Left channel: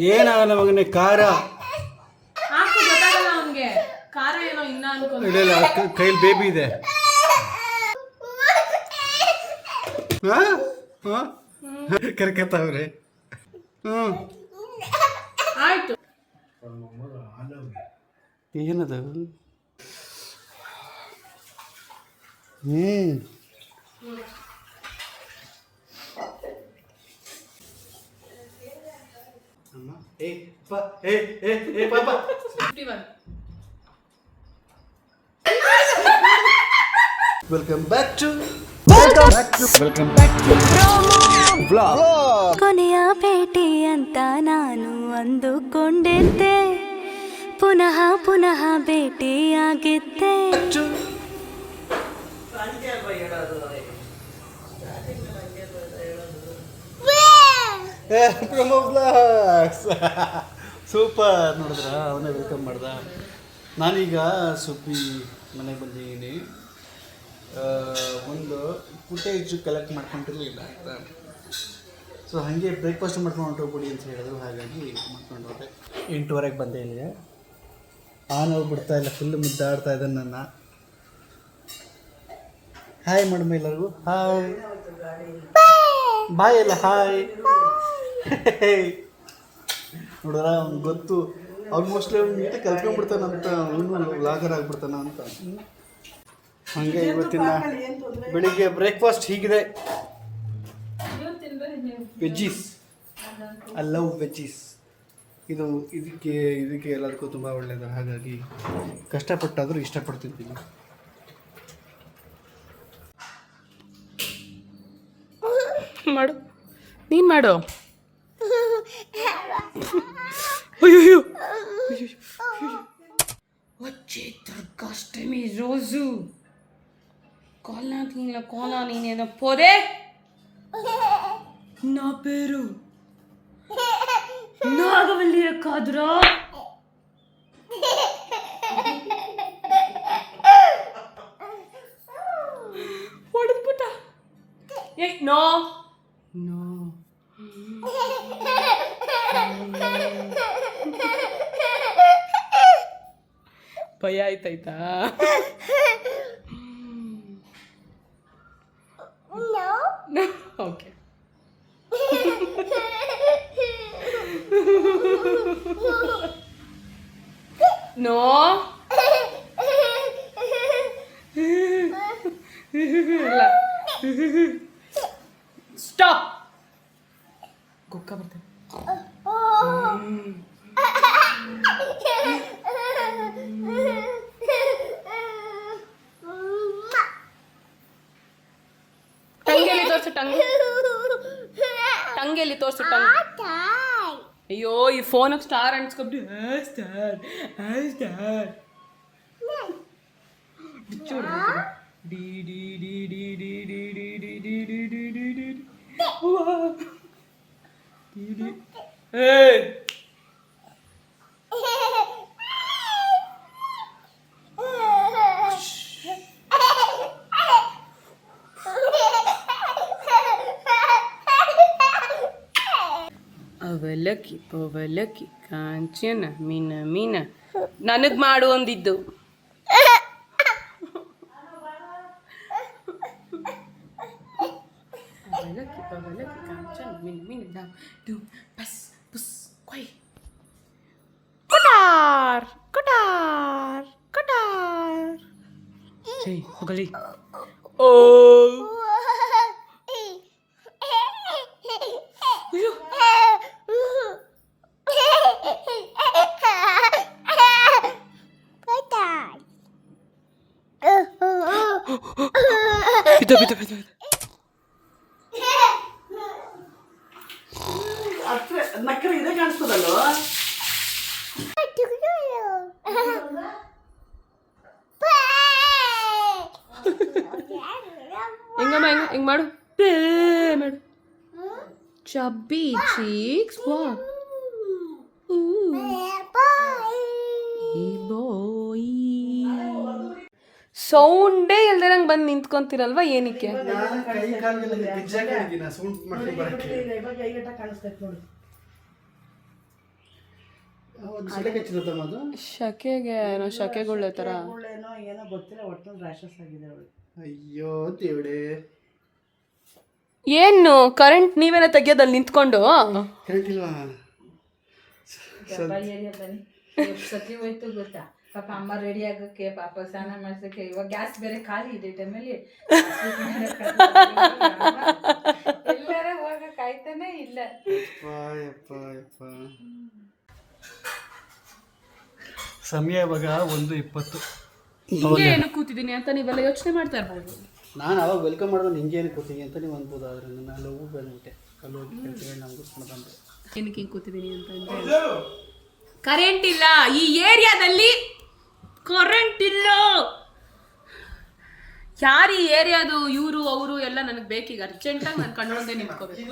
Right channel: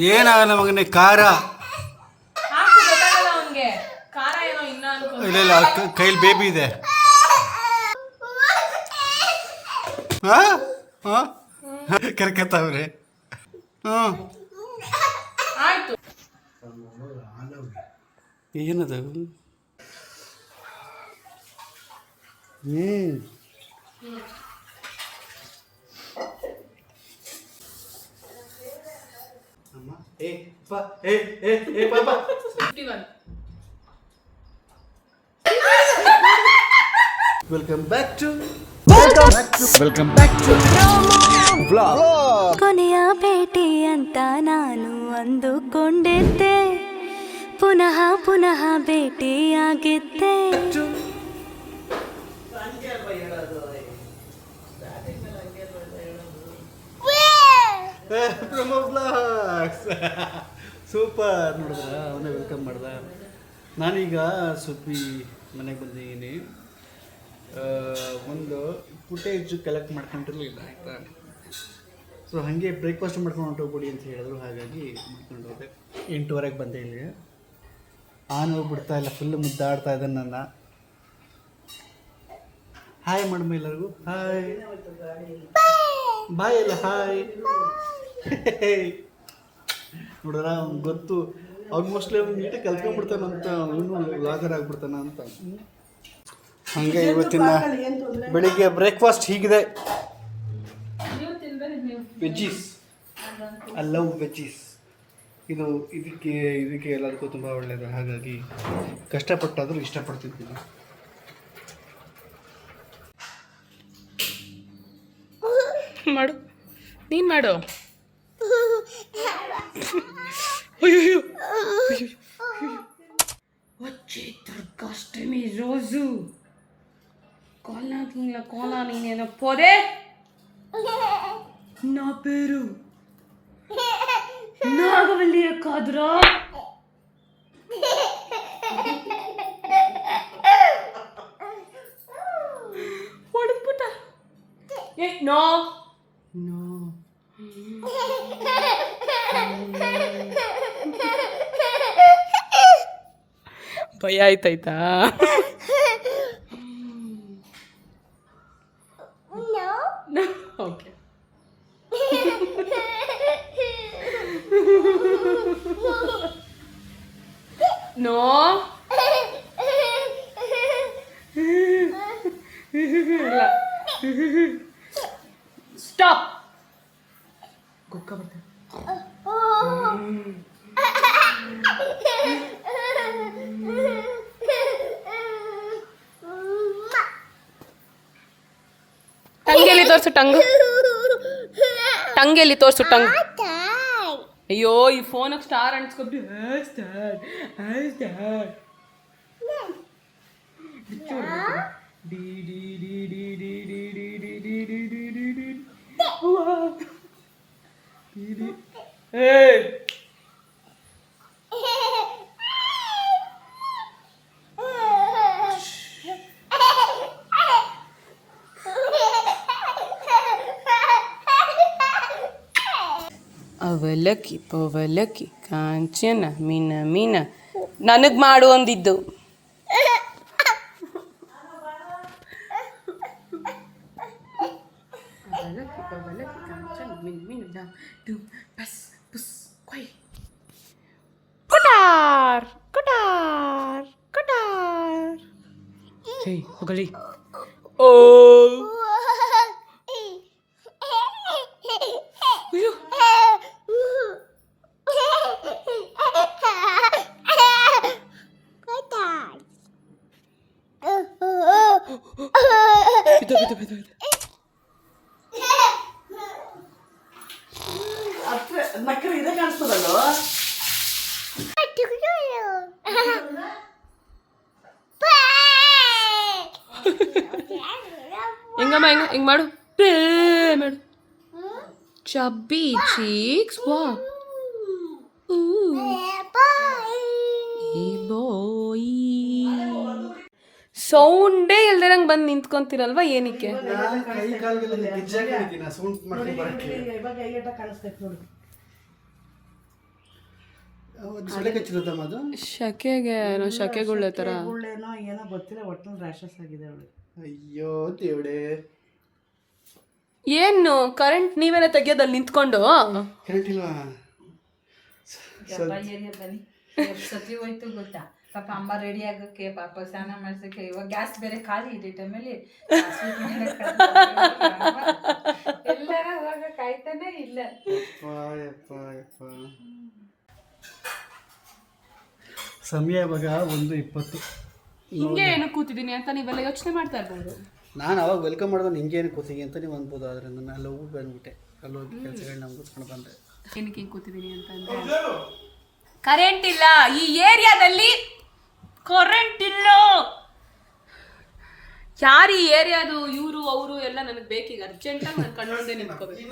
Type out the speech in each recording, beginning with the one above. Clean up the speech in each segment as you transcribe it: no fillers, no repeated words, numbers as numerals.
ಏನಾಗಲ್ಲ ಮಗನೇ, ಖಾರ ಗೊತ್ತಾಗಲ್ಲ ಅವನ್ಗೆ. ಖಾರ ಏನೋ ಇನ್ನ ಅನ್ಕೊಂಡು ಇಲ್ಲ ಇಲ್ಲ, ಕೈಲಿ ಬೇಬಿ ಇದೆ. ಹಾಂ ಹಾಂ ಕರ್ಕತ್ತವ್ರೆ. ಹ್ಞೂ ಆಯ್ತು. ಏನದು? ಅಮ್ಮ ಏ ಪಾ ಏ ಏ ಏ ಪಾಪ 51. ವೆಲ್ಕಮ್ ಬ್ಯಾಕ್ ಟು ಕೊನೆಯ ಭೇಟಿ ಅಂತ ನಾನು ಅಂದುಕೊಂಡಿದ್ದೆ, ಪುನಃ ಪುನಃ ಭೇಟಿಯಾಗಿದ್ದೆ. ಸೂಪರ್. ನೋಡಿದ್ರ, ಅವನೇ ವೆಲ್ಕಮ್ ಮಾಡ್ದ. ನಾನೀಗ ಸುಬ್ಬಿ ಮನೆಗೆ ಬಂದಿದ್ದೀನಿ. ಒಂದು ಫುಟೇಜ್ ಕಲೆಕ್ಟ್ ಮಾಡ್ಕೊಂಡಿರಲಿಲ್ಲ ಆಯಿತಾ. ಸೊ ಹಾಗೆ ಬ್ರೇಕ್ಫಾಸ್ಟ್ ಮಾಡ್ಕೊಂಡು ಹೊಂಟೋಗ್ಬಿಡಿ ಅಂತ ಹೇಳಿದ್ರು, ಹಾಗಾಗಿ ಮಾಡ್ಕೊಂಡು ಹೋದೆ. 8:30ಗೆ ಬಂದೆ ಇಲ್ಲಿಗೆ. ಹೋಗ್ಬಿಡ್ತಾ ಇಲ್ಲ, ಫುಲ್ಲು ಮುದ್ದಾಡ್ತಾ ಇದ್ದಾನೆ ನನ್ನ. ಹಾಯ್ ಮಾಡಮ್ಮ ಎಲ್ಲರಿಗೂ. ಹಾಯ್ ಬಾಯ್ ಎಲ್ಲ ಹಾಯ್. ನೋಡಿದ್ರ, ಅವ್ನಿಗೆ ಗೊತ್ತು ಆಲ್ಮೋಸ್ಟ್ಲಿ ಅವ್ನು ನೀಟಾಗಿ ಕಲ್ತ್ಕೊಂಡ್ಬಿಡ್ತಾನಂತ, ಅವನು ವ್ಲಾಗರ್ ಆಗ್ಬಿಡ್ತಾನ ಅಂತ. ಹಾಗೆ ಇವತ್ತಿನ ಬೆಳಿಗ್ಗೆ ಬ್ರೇಕ್ಫಾಸ್ಟ್ ಹೀಗಿದೆ. Veggies, I love veggies. ಇದಕ್ಕೆ ಎಲ್ಲದಕ್ಕೂ ತುಂಬ ಒಳ್ಳೆಯದು, ಹಾಗಾಗಿ ಕಷ್ಟಪಟ್ಟಾದರೂ ಇಷ್ಟಪಡ್ತಿದ್ದೀನಿ. ಮಾಡು, ನೀನು ಮಾಡು. ಅಯ್ಯೋ వచ్చే దుర్గాష్టమి రోజు కోలా నేనేదో పోదే. నా పేరు నాగవల్లి కాదురా. ಹೊಡೆದು ಪುಟ್ಟ. ಏ ನೋ ನೋ ಭಯ ಆಯ್ತಾಯ್ತಾ? ಓಕೆ. ನೋ ಇಲ್ಲ, ಸ್ಟಾಪ್. ಗುಕ್ಕ ಬರ್ತೇನೆ. ಟಂಗೆಲ್ಲಿ ತೋರಿಸು, ಟಂಗೆಲ್ಲಿ ತೋರಿಸು ಟಂಗ್. ಅಯ್ಯೋ, ಈ ಫೋನಾಗ ಸ್ಟಾರ್ ಅಂಟ್ಸ್ಕೊಬಿಟ್ಟು ಸ್ಟಾರ್ ಸ್ಟಾರ್ ಡಿ ಡಿ ಡಿ ಡಿ ಡಿ ಡಿ ಡಿ ಡಿ ಡಿ ಡಿ ಡಿ ಡಿ ಡಿ ಡಿ. ಅವಲಕ್ಕಿ ಪವಲಕ್ಕಿ ಕಾಂಚನ ಮೀನ ಮೀನ ನನಗೆ ಮಾಡು ಅಂದಿದ್ದು. ಅವಲಕ್ಕಿ ಪವಲಕ್ಕಿ ಕಾಂಚನ ಮೀನ ಮೀನ ಡಾಮ್ ಡೂಮ್ ಪಸ್ ಪುಸ್ ಕೊಯ್. ಕುಟಾರ್ ಕುಟಾರ್ ಕುಟಾರ್. ಹೇ ಹೋಗಲಿ. ಓ ಬಿದ್ದು ಬಿದ್ದು ಬಿದ್ದು. ನಕ್ಕರೆ ಇದೇ ಕಾಣಿಸ್ತದಲ್ವ? ಹಿಂಗಮ್ಮ ಹಿಂಗೆ ಮಾಡು, ಮಾಡು. ಚಬ್ಬಿ ಚೀಕ್ಸ್. ವಾ ಸೌಂಡೇ ಇಲ್ದಿರಂಗೆ ಬಂದು ನಿಂತ್ಕೊಂತೀರಲ್ವಾ, ಏನಕ್ಕೆ? ಕಚ್ಚಿರುತ್ತಮ್ಮ ಅದು ಶಕೆಗೆ ಏನೋ ಶಕೆಗಳ ಥರ ಗುಳ್ಳೆನೋ ಏನೋ ಗೊತ್ತಿಲ್ಲ ಒಟ್ಟಿನಲ್ಲಿ ರ್ಯಾಷಸ್ ಆಗಿದೆ ಅವಳು. ಅಯ್ಯೋ ದೇವಡೆ. ಏನು ಕರೆಂಟ್ ನೀವೇನ ತೆಗಿಯೋದಲ್ಲಿ ನಿಂತ್ಕೊಂಡು ಕರೆಂಟ್ ಇಲ್ವಾ? ಸತಿ ಹೋಯ್ತು ಗೊತ್ತಾ ಪಾಪ ಅಮ್ಮ ರೆಡಿ ಆಗಕ್ಕೆ ಪಾಪ ಸ್ನಾನ ಮಾಡ್ಸಕ್ಕೆ ಇವಾಗ ಗ್ಯಾಸ್ ಬೇರೆ ಖಾಲಿ ಇದೆ ಟೈಮಲ್ಲಿ ಎಲ್ಲರ ಹೋಗಕ್ ಆಯ್ತಾನೆ ಇಲ್ಲ. ಸಮಯ ಇವಾಗ 1:20. ಹಿಂಗೆ ಏನೋ ಕೂತಿದ್ದೀನಿ ಅಂತ ನೀವೆಲ್ಲ ಯೋಚನೆ ಮಾಡ್ತಾ ಇರ್ಬೋದು. ನಾನು ಅವಾಗ ವೆಲ್ಕಮ್ ಮಾಡಿದ್ರೆ ಹಿಂಗೆ ಏನು ಕೂತೀನಿ ಅಂತ ನೀವು ಅನ್ಬೋದು. ಆದರೆ ನಾನು ಅಲ್ಲಿ ಹೋಗಿ ಬಂದ್ಬಿಟ್ಟೆ. ಅಲ್ಲಿ ಹೋಗಿ ಕೆಲಸಗಳನ್ನ ಮುಗಿಸ್ಕೊಂಡು ಬಂದೆ. ಏನಕ್ಕೆ ಹಿಂಗೆ ಕೂತಿದ್ದೀನಿ ಅಂತಂದರೆ ಕರೆಂಟ್ ಇಲ್ಲ ಈ ಏರಿಯಾದಲ್ಲಿ. ಕರೆಂಟ್ ಇಲ್ಲ. ಯಾರು ಈ ಏರಿಯಾದು ಇವರು ಅವರು ಎಲ್ಲ ನನಗೆ ಬೇಕೀಗ ಅರ್ಜೆಂಟಾಗಿ ನಾನು ಕಣ್ಣೊಂದೇ ನಿಂತ್ಕೋಬೇಕು.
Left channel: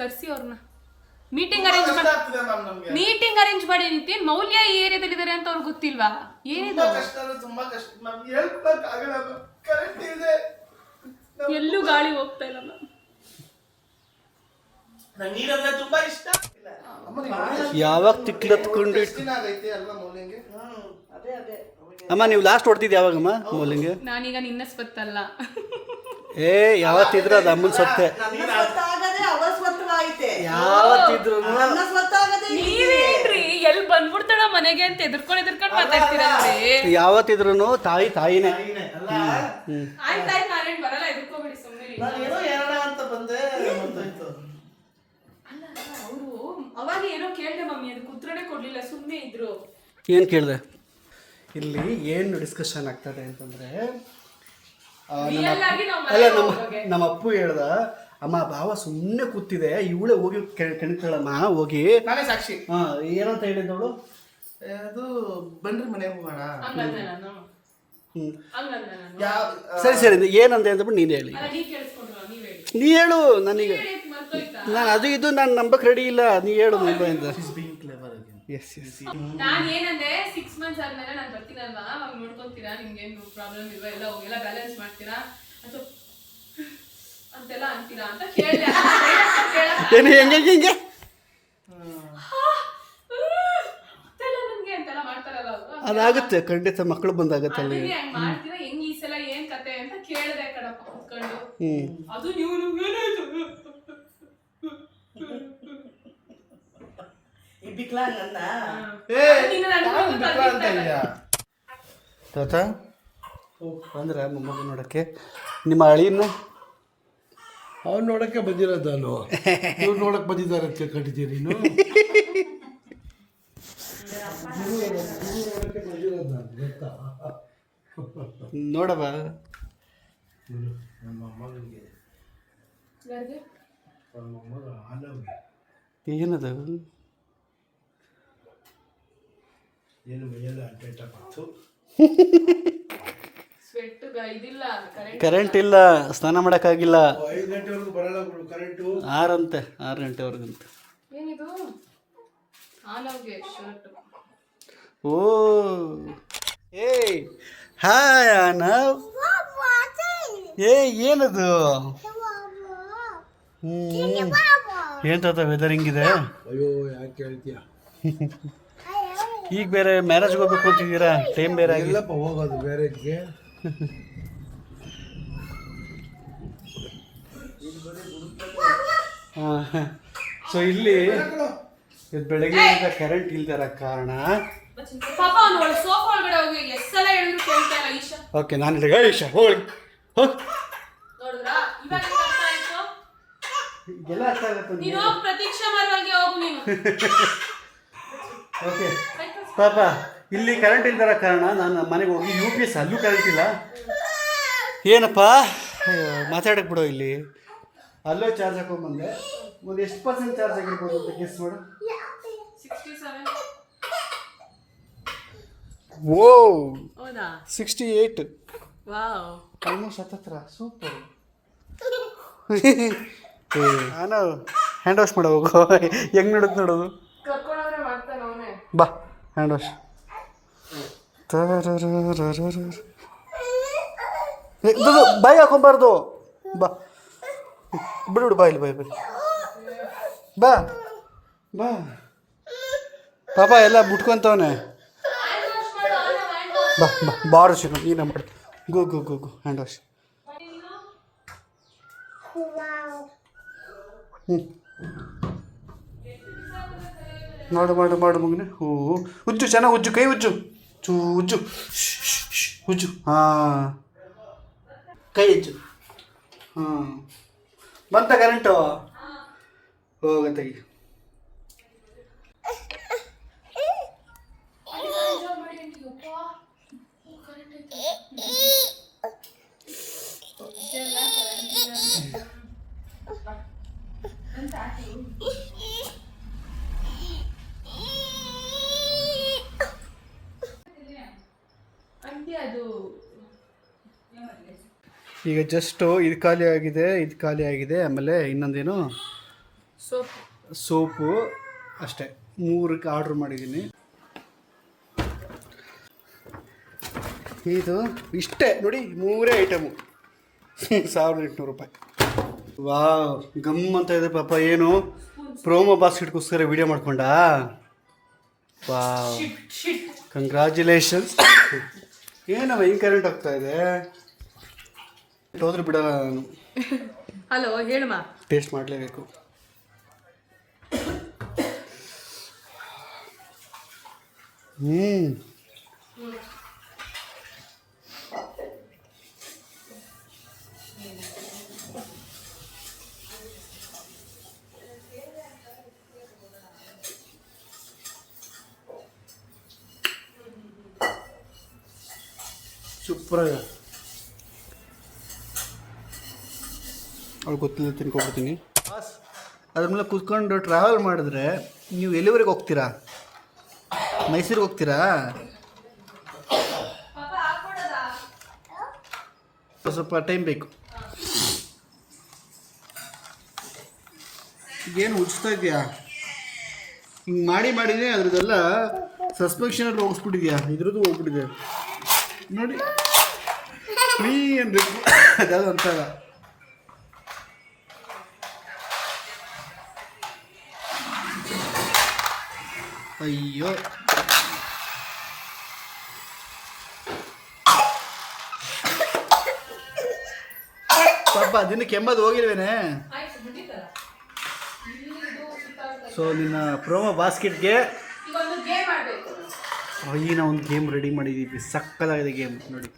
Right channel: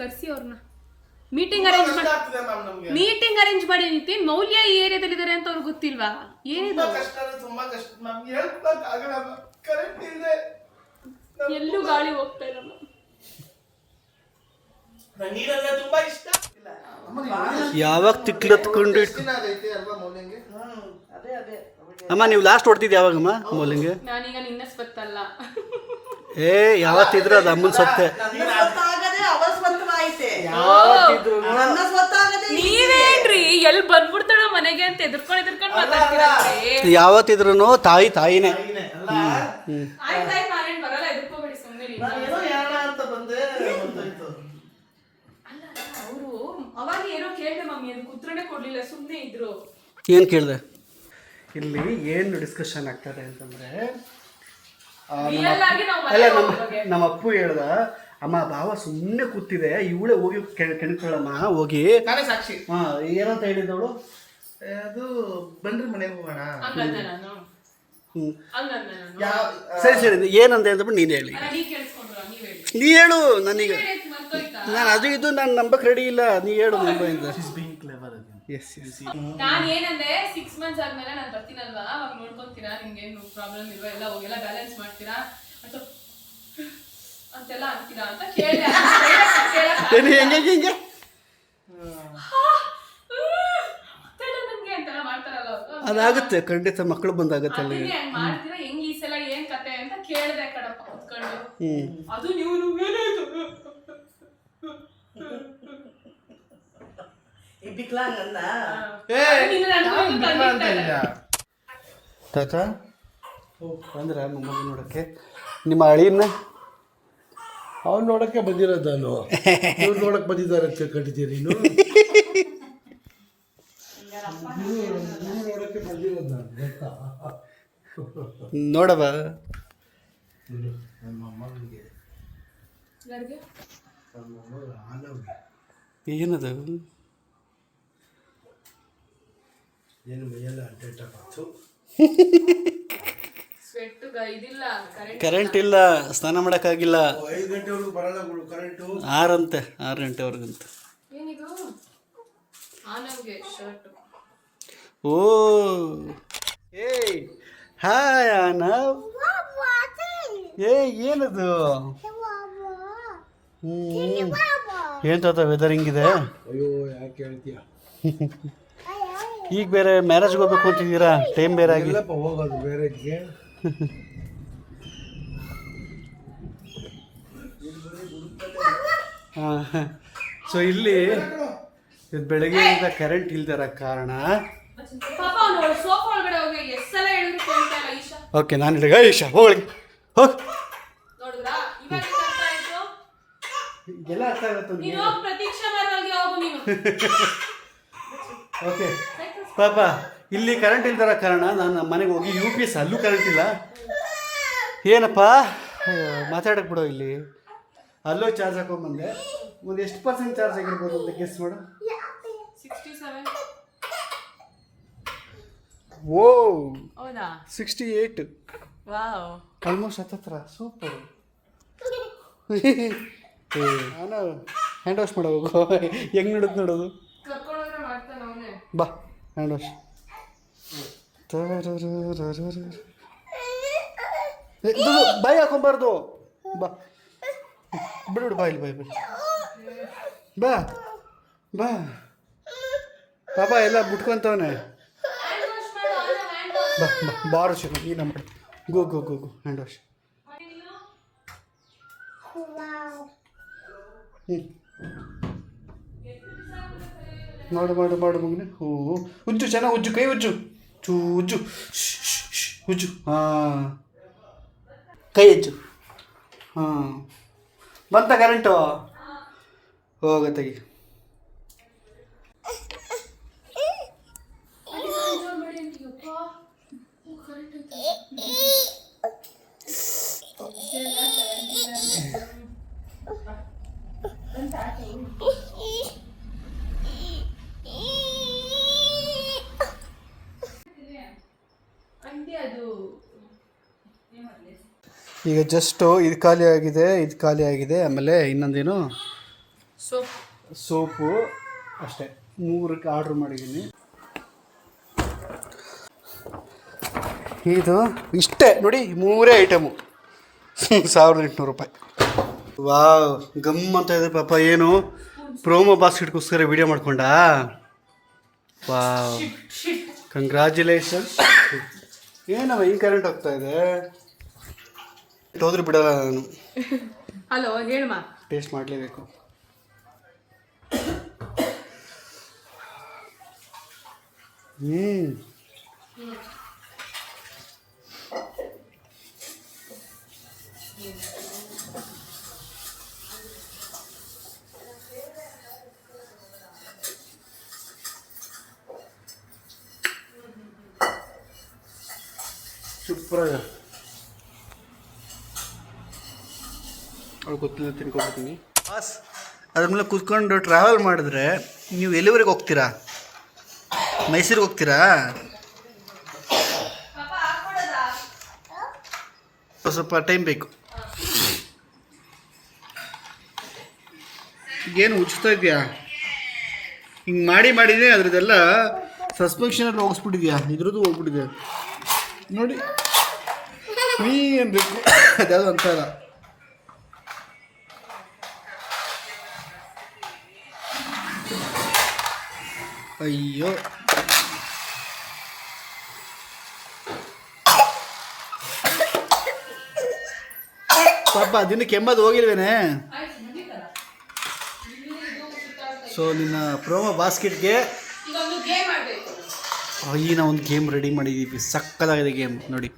ಕಳಿಸಿ ಅವ್ರನ್ನ ಮೀಟಿಂಗ್ ಅರೇಂಜ್ ಮಾಡಿ ನಿಂತೀನಿ. ಮೌಲ್ಯ ಈ ಏರಿಯಾದಲ್ಲಿ ಇದ್ದಾರೆ ಅಂತ ಅವ್ರಿಗೆ ಗೊತ್ತಿಲ್ವಾ? ಏನಿದೆ ಎಲ್ಲೂ ಗಾಳಿ ಹೋಗ್ತಾ ಇಲ್ಲ. ಯಾವಾಗ ತಿಕ್ಲತ್ಕೊಂಡು ಅಮ್ಮ ನೀವು ಲಾಸ್ಟ್ ಹೊಡ್ತಿದ್ದು ಯಾವಾಗಮ್ಮ ಮೌಲಿಂಗೆ? ನಾನೀಗ ನಿನ್ನ ಸ್ವತ್ತಲ್ಲ. ಯಾವತ್ತಿದ್ರು ಅದು ಅಮ್ಮನ ಸೊತ್ತೆ. ಯಾವತ್ತಿದ್ರು ನೀವೇನ್ರಿ ಎಲ್ಲಿ ಬಂದ್ಬಿಡ್ತಾಳ ಮನೆಗೆ ಅಂತ ಎದುರ್ಕೊಂಡು ಮಾತಾಡ್ತೀರಾ? ಯಾವತ್ತಿದ್ರು ತಾಯಿನೇ. ಬರಲ್ಲ ಎದುರ್ಕೋಬೇಡಿ ಸುಮ್ಮನೆ. ಅವರು ಅವಾಗ ಏನೋ ಕೇಳಿದೆ ಮಮ್ಮಿ, ಅದಕ್ಕೆ ಉತ್ತರನೇ ಕೊಡ್ಲಿಲ್ಲ, ಸುಮ್ಮನೆ ಇದ್ರು. ಏನು ಕೇಳಿದೆ? ಇಲ್ಲಿ ಏನು ಡಿಸ್ಕಷನ್ ಆಗ್ತದೆ ಅಂತಂದರೆ ನಮ್ಮ ಅಪ್ಪು ಹೇಳ್ದ, ಅಮ್ಮ ಭಾವ ಸುಮ್ಮನೆ ಕೂತಿದೆ, ಇವಳೇ ಹೋಗಿ ಕೆಣಕ್ತಾಳಮ್ಮ ಹೋಗಿ. ಸಾಕ್ಷಿ. ಹಾಂ ಏನಂತ ಹೇಳಿದ್ದವಳು? ಅದು ಬನ್ರಿ ಮನೆಗೆ ಹೋಗೋಣ. ಸರಿ ಏನಂದೆ ಅಂದ್ಬಿಟ್ಟು ನೀನು ಹೇಳಿ. ನೀ ಹೇಳು. ನನಗೆ ನಾನು ಅದು ಇದು ನಾನು ನಂಬಕ್ಕೆ ರೆಡಿ ಇಲ್ಲ. ನೀ ಹೇಳು ಮುಂಬೈಯಿಂದ. ನಾನು ಏನಂದೆ 6 months ಆದ್ಮೇಲೆ ನಾನು ಬರ್ತೀನಲ್ವಾ, ಅವಾಗ ನೋಡ್ಕೊಂತೀರಾ, ನಿಮ್ಗೇನು ಪ್ರಾಬ್ಲಮ್ ಇಲ್ವಾ, ಎಲ್ಲ ಹೋಗೆಲ್ಲ ಬ್ಯಾಲೆನ್ಸ್ ಮಾಡ್ತೀರಾ ಅಥವಾ ಅಂತೆಲ್ಲ ಅಂತೀರಾ ಅಂತ ಕೇಳಿದೆ. ಹೆಂಗೆ ನಮ್ಗೆ ಅಂತೆಲ್ಲ ಮಾಡ್ತಾರಲ್ಲ ಅವರು. ಅದಾಗುತ್ತೆ ಖಂಡಿತ, ಮಕ್ಕಳು ಬಂದಾಗುತ್ತೆ. ಹೆಂಗ್ ಮಾಡ್ತೀರಾ, ಹೆಂಗ್ ಈ ಸಲ ಏನ್ ಕತೆ ಅಂತ ಕೇಳಿದೆ ಕಡಪ್ಪ ಕುತ್ಕೊಂಡು. ಅದು ನೀವು ಬಂದ್ರ ಮೊಮ್ಮಗ ನೋಡಕ್ಕೆ. ನಿಮ್ಮ ಅಳಿಯನ್ನ ಅವ್ನು ನೋಡಕ್ಕೆ ಬಂದಿರೋದು ನಾನು. ಇವ್ರು ನೋಡಕ್ಕೆ ಬಂದಿದ್ದಾರೆ ಅಂತ ಕೇಳ್ಕೊಂಡಿದ್ದೀರಿ ನೀನು? ನೋಡವ ನಮ್ಮ ಮಗನಿಗೆ ನಮ್ಮ ಮಗ ಆನವ್ಗೆ ಏನದು ಏನು ಮೈಯೆಲ್ಲ ಅಡ್ಡಾಟ ಬಂತು. ಕರೆಂಟ್ ಇಲ್ಲ, ಸ್ನಾನ ಮಾಡೋಕ್ಕಾಗಿಲ್ಲ. 5 ಗಂಟೆವರೆಗೂ ಬರಲ್ಲ ಕರೆಂಟು. 6 ಗಂಟೆವರೆಗಂತ. ಏನಿದು ಆನವ್ಗೆ ಶರ್ಟ್. ಓ ಹಾಯ್ ಆನವ್. ಏನದು? ಏನ್ ವೆದರ್ ಹಿಂಗಿದೆ? ಅಯ್ಯೋ ಯಾಕೆ ಹೇಳ್ತೀಯ? ಈಗ ಬೇರೆ ಮ್ಯಾರೇಜ್ಗೆ ಹೋಗ್ಬೇಕು ಅಂತಿದ್ದೀರಾ, ಟೈಮ್ ಬೇರೆ ಎಲ್ಲಪ್ಪ ಹೋಗೋದು ಮ್ಯಾರೇಜ್ಗೆ. ಸೊ ಇಲ್ಲಿ ಬೆಳಗ್ಗೆಯಿಂದ ಕರೆಂಟ್ ಇಲ್ದಿರೋ ಕಾರಣ ಓಕೆ ನಾನು ಹೇಳಿದೆ ಈಶಾ ಹೋಗಿ ಹೋಗಿ ಎಲ್ಲ ಅರ್ಥ ಆಗುತ್ತೆ. ಓಕೆ ಪಾಪ ಇಲ್ಲಿ ಕರೆಂಟ್ ಇಲ್ದಿರೋ ಕಾರಣ ನಾನು ಮನೆಗೆ ಹೋಗಿ UPS ಅಲ್ಲೂ ಕರೆಂಟ್ ಇಲ್ಲ. ಏನಪ್ಪ ಮಾತಾಡಕ್ಕೆ ಬಿಡೋ. ಇಲ್ಲಿ ಅಲ್ಲೋ ಚಾರ್ಜ್ ಹಾಕೊಂಡ್ಬಂದೆ. ಒಂದು ಎಷ್ಟು % ಚಾರ್ಜ್ ಆಗಿರ್ಬೋದು ಅಂತ ಗೆಸ್ ಮಾಡು. ಓ 68. ಆಲ್ಮೋಸ್ಟ್ 70. ಸೂಪರ್. ನಾನು ಹ್ಯಾಂಡ್ ವಾಶ್ ಮಾಡೋ ಹೋಗು. ಹೆಂಗೆ ನೋಡುತ್ತೆ ನೋಡೋದು. ಬಾ ಹ್ಯಾಂಡ್ ವಾಶ್. ಬಾಯಿ ಹಾಕೊಂಬಾರ್ದು. ಬಾ ಬಿಡು ಬಾ ಇಲ್ಲಿ ಬಾಯ್ ಬಾ ಬಾ ಪಾಪ ಎಲ್ಲ ಬಿಟ್ಕೊಂತವನೆ. ಬಾ ಬಾ ಬಾರು ಸಿಗ ನೀನು ಮಾಡು. ಗೋ ಗೋ ಗೋ ಗೋ ಹ್ಯಾಂಡ್ ವಾಶ್. ಹ್ಞೂ ಮಾಡು ಮಾಡು ಮಾಡು ಮಗನೆ. ಹೋ ಉಜ್ಜು ಚೆನ್ನಾಗಿ ಉಜ್ಜು, ಕೈ ಉಜ್ಜು, ಉಜ್ಜು ಉಜ್ಜು. ಹಾಂ ಕೈ ಉಜ್ಜು. ಹಾಂ ಬಂತ ಕರೆಂಟು? ಹೋಗತ್ತಾಗಿ. ಈಗ ಜಸ್ಟು ಇದು ಖಾಲಿ ಆಗಿದೆ. ಆಮೇಲೆ ಇನ್ನೊಂದೇನು ಸೋಪು ಅಷ್ಟೇ. 3ಕ್ಕೆ ಆರ್ಡ್ರ್ ಮಾಡಿದ್ದೀನಿ. ಇದು ಇಷ್ಟೇ ನೋಡಿ, 3 ಐಟಮು 1800 ರೂಪಾಯಿ. ವಾವ್ ಗಮ್ ಅಂತ ಇದೆ ಪಾಪ. ಏನು ಪ್ರೋಮೋ ಬಾಸ್ಕೆಟ್ಗೋಸ್ಕರ ವಿಡಿಯೋ ಮಾಡ್ಕೊಂಡ? Wow congratulations. ಏನವ ಹಿಂಗೆ ಕರೆಂಟ್ ಹೋಗ್ತಾ ಇದೆ? ಹೋದ್ರೆ ಬಿಡಲ್ಲ ನಾನು. ಹಲೋ ಹೇಳಮ್ಮ. ಟೇಸ್ಟ್ ಮಾಡಲೇಬೇಕು. ಸೂಪರಾಗ. ಅವ್ಳು ಗೊತ್ತಿಲ್ಲ ತಿನ್ಕೊಬಿಡ್ತೀನಿ. ಬಾಸ್ ಅದ್ರ ಮೇಲೆ ಕೂತ್ಕೊಂಡು ಟ್ರಾವೆಲ್ ಮಾಡಿದ್ರೆ ನೀವು ಎಲ್ಲಿವರೆಗೆ ಹೋಗ್ತೀರಾ? ಮೈಸೂರಿಗೆ ಹೋಗ್ತೀರಾ? ಸ್ವಲ್ಪ ಟೈಮ್ ಬೇಕು. ಏನು ಉಜ್ತಾ ಇದೆಯಾ? ಹಿಂಗೆ ಮಾಡಿದ್ರೆ ಅದ್ರದ್ದೆಲ್ಲ ಸಸ್ಪೆನ್ಷನ್ ಹೋಗಿಸ್ಬಿಟ್ಟಿದ್ಯಾ? ಇದ್ರದ್ದು ಹೋಗ್ಬಿಟ್ಟಿದೆ ನೋಡಿ. ಏನು ಬೇಕು ಅದಾದ ಅಂತಾರ. ಅಯ್ಯೋ ಪಾಪ ದಿನ ಕೆಮ್ಮದು ಹೋಗಿಲ್ವೇನೆ. ಸೊ ನಿನ್ನ ಪ್ರೋಮೋ ಬಾಸ್ಕೆಟ್ಗೆ ನಾವು ಒಂದು ಗೇಮ್ ರೆಡಿ ಮಾಡಿದ್ದೀವಿ. ಸಕ್ಕತ್ತಾಗಿದೆ ಗೇಮ್ ನೋಡಿ.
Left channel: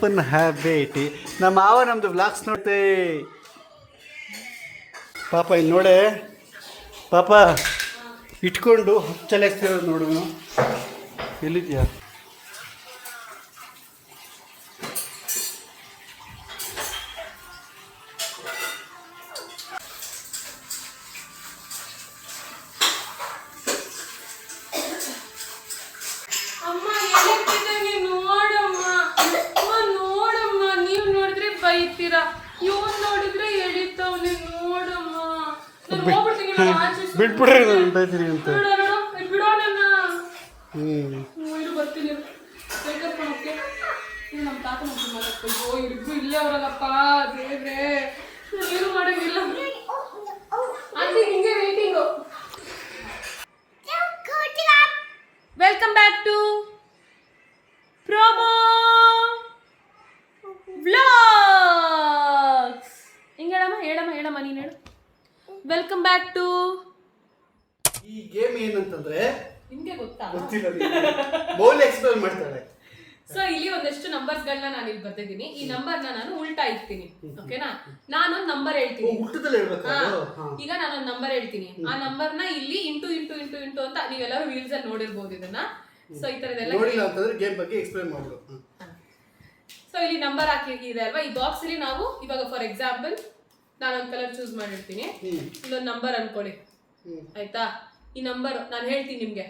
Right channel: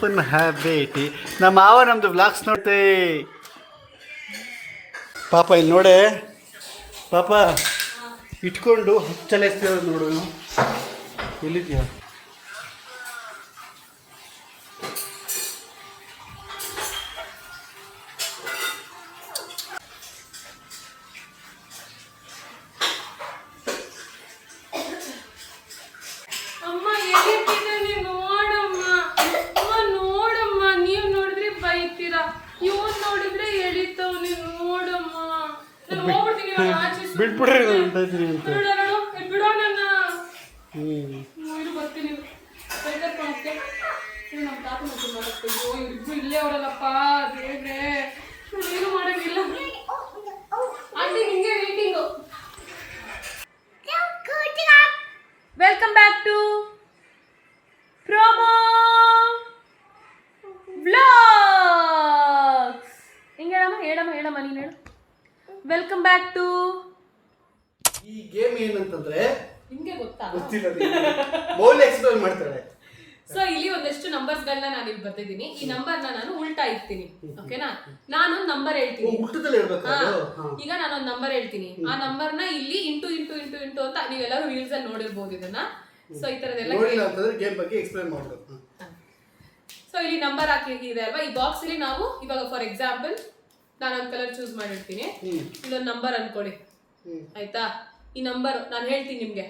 ಪುನಃ ಭೇಟಿ. ನಮ್ಮ ಮಾವ ನಮ್ಮದು ವ್ಲಾಗ್ಸ್ ನೋಡ್ತೆ ಪಾಪ. ಇಲ್ಲಿ ನೋಡೆ ಪಾಪ ಇಟ್ಕೊಂಡು ಹಚ್ಚಲೇಸ್ತಿರೋದು ನೋಡು. ಎಲ್ಲಿದ್ಯಾ? ಬಿಟ್ಬಿಡ್ರಿ ನಾನು ಹೊಂಟಾಯ್ತೀನಿ ಅಂತ. ಇಲ್ಲೇ ಅವರಲ್ಲಪ್ಪ ದೇವ್ರೆ, ಏನು ಮಾಡಂಗಿಲ್ಲ. ಹಿಂಗೆ waiting. Welcome back to promo vlogs. ಹಿಂಗೆ ಹೇಳಮ್ಮ ನೀನು ಹೇಳು. Welcome back to. ಈ ಗೇಮ್ ಏನಂತಂದ್ರೆ ನಿಮ್ಗೆ ಗೊತ್ತಾ? ಗೊತ್ತಿಲ್ಲ, ಮೌಲ್ಯ ಎಕ್ಸ್ಪ್ಲೇನ್ ಮಾಡ್ತಾಳೆ. ಸೊ ಇಲ್ಲಿ ಒಂದಷ್ಟು ನಂಬರ್ಸ್ಗಳನ್ನ ನಾನು ಇಲ್ಲಿ ಬರ್ತಿದ್ದೀನಿ. ಈ ನಂಬರ್ನ ನಾನು ಉಲ್ಟಾ ಇಡ್ತೀನಿ. ಓಕೆನಾ? ನಾನೊಂದು ನಂಬರ್ ಹೇಳ್ತೀನಿ. ಊಟದಲ್ಲಿ ಹೇಳ್ಬೇಕು. ಈಗ ನಾನೊಂದು ನಂಬರ್ ಹೇಳ್ತೀನಿ. ಆ ನಂಬರ್ನ ಇಲ್ಲಿ ಇಂಟು ಅಂತ ನೀವೆಲ್ಲರೂ ರೀಲ್ಸ್ ಅಲ್ಲಿ ನೋಡಿರ್ಬೋದು ಇದನ್ನ. ಸೊ ಈ ತರದೆಲ್ಲ ಗೇಮ್ ಬಗ್ಗೆ ಎಕ್ಸ್ಪ್ಲೇನ್ ಮಾಡೋದು. ಸೊ ಇಲ್ಲಿ ನಂಬರ್ ಹಾಕಿದೆ ಅಲ್ವಾ? ಈ ಬಾಕ್ಸ್ ಅಲ್ಲಿ ನಾವು ಇವಾಗ ಫಾರ್ ಎಕ್ಸಾಂಪಲ್ ನಾನೊಂದು ಕಲರ್ ಚೂಸ್ ಮಾಡಿರ್ತೀನಿ. ಇಲ್ಲೊಂದು ನಂಬರ್ ಅನ್ಕೊಳ್ಳಿ, ಆಯ್ತಾ? ಈ ನಂಬರ್ ನಾನು ಹೇಳ್ತೀನಿ ನಿಮ್ಗೆ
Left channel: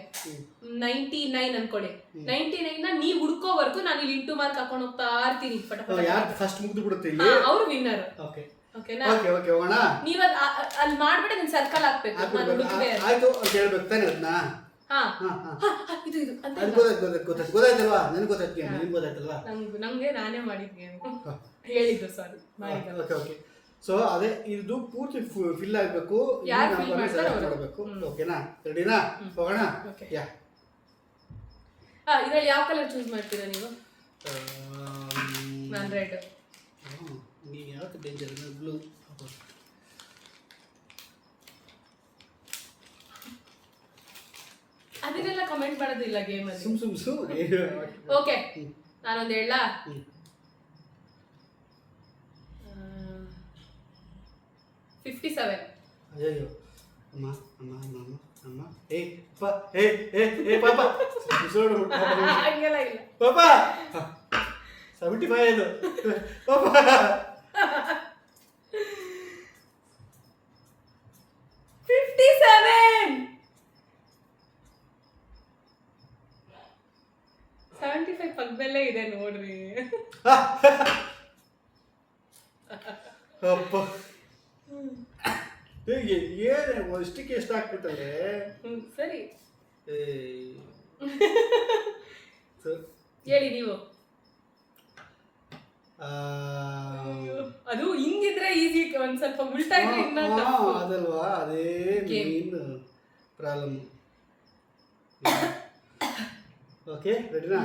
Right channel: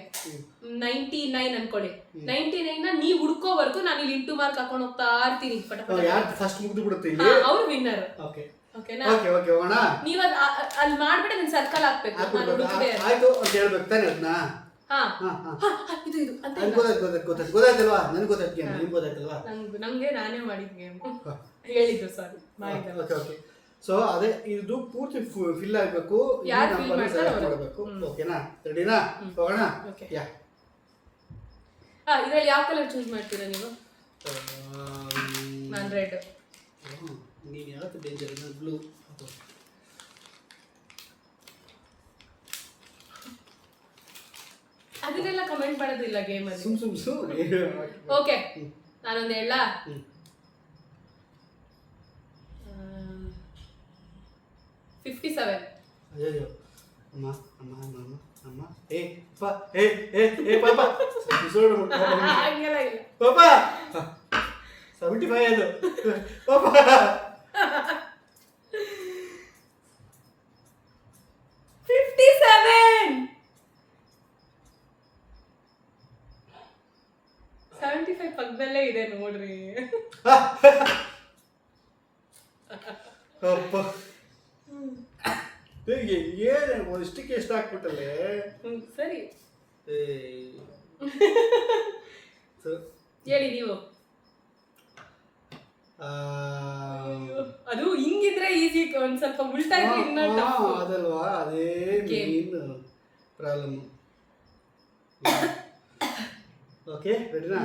99 ಅನ್ಕೊಳ್ಳಿ. 99 ನ ನೀವ್ ಹುಡ್ಕೋವರೆಗೂ ನಾನು ಇಲ್ಲಿ ಇಂಟು ಮಾರ್ಕ್ ಹಾಕೊಂಡು ಹೋಗ್ತಾ ಇರ್ತೀನಿ. ಅವ್ರು ವಿನ್ನರ್. ಓಕೆನಾ? ನೀವ್ ಅಲ್ಲಿ ಮಾಡ್ಬಿಟ್ಟು ಅದನ್ನ ಸರ್ಕಲ್ ಹಾಕ್ಬೇಕು. ನಮ್ಗೆ ನಾನೇ ಮಾಡಿದ್ ಗೇಮ್ ಹೇಳಿದ್ದು. ಸಾರಿ ಮಾಡಿದ್ದೆ. ಸೊ ಅದೇ ಇದು ಪೂರ್ತಿ ಫಿಲ್ ಆಗಬೇಕು. ಯಾರು fill ಮಾಡ್ತಾರೋ ಅವ್ರು. ಮಾಡಬೇಕು. ಓಕೆನಾ? ರೆಡಿನಾ? ಹೋಗೋಣ. Okay. ಯಾ ಇದ್ರಲ್ಲಿ ಯಾವ ಕಲರ್ ಚೂಸ್ ಮಾಡ್ತೀರಾ ನೀವು? ನಾನು ರೆಡ್. ನೀನು ಯಾವತ್ತು ಡೇಂಜರ್ ಬ್ಲೂ. ಅದನ್ನೆಲ್ಲ ಕಮೆಂಟ್ ಮಾಡೋದಿಲ್ಲ ಗೇಮ್ ಅಲ್ಲಿ. ಸುಮ್ ಓಕೆ, ನಾನೊಂದು ಹೇಳ. 57. ಅಯ್ಯೋ ಅಮ್ಮ ಅಮ್ಮ ಅಮ್ಮ ಅಮ್ಮ ಅಮ್ಮ ಏ ಪಾ ಏ ಏ ಏ ಪಾಪ ಹಂಗೆಲ್ಲ ಇಲ್ಲ. ಪಾಪ 75 ಅದು ಪಾಪ 57. 75 ಪಕ್ಕದಲ್ಲೇ ಇದೆ ನೋಡ್ರಿ. ಅಪ್ಪ ಏನು ಇಷ್ಟಕ್ಕೆ ಎಷ್ಟು ಹಾಕ್ಬಿಟ್ಟಲ್ಲೇ. ಸರಿ ಸೊ ಹೇಳಿ ನೀವು. ಅದು ಹಿಂಗಿದ್ರೆ ಈಸಿ, ಒಂದ್ ಸ್ವಲ್ಪ ಉಲ್ಟಾ ಇದ್ರೆ ಇನ್ನ tough. ಅದಲ್ವಾ, ಅದೇ Game. Main problem. ಓಕೆ ರೆಡಿನಾ?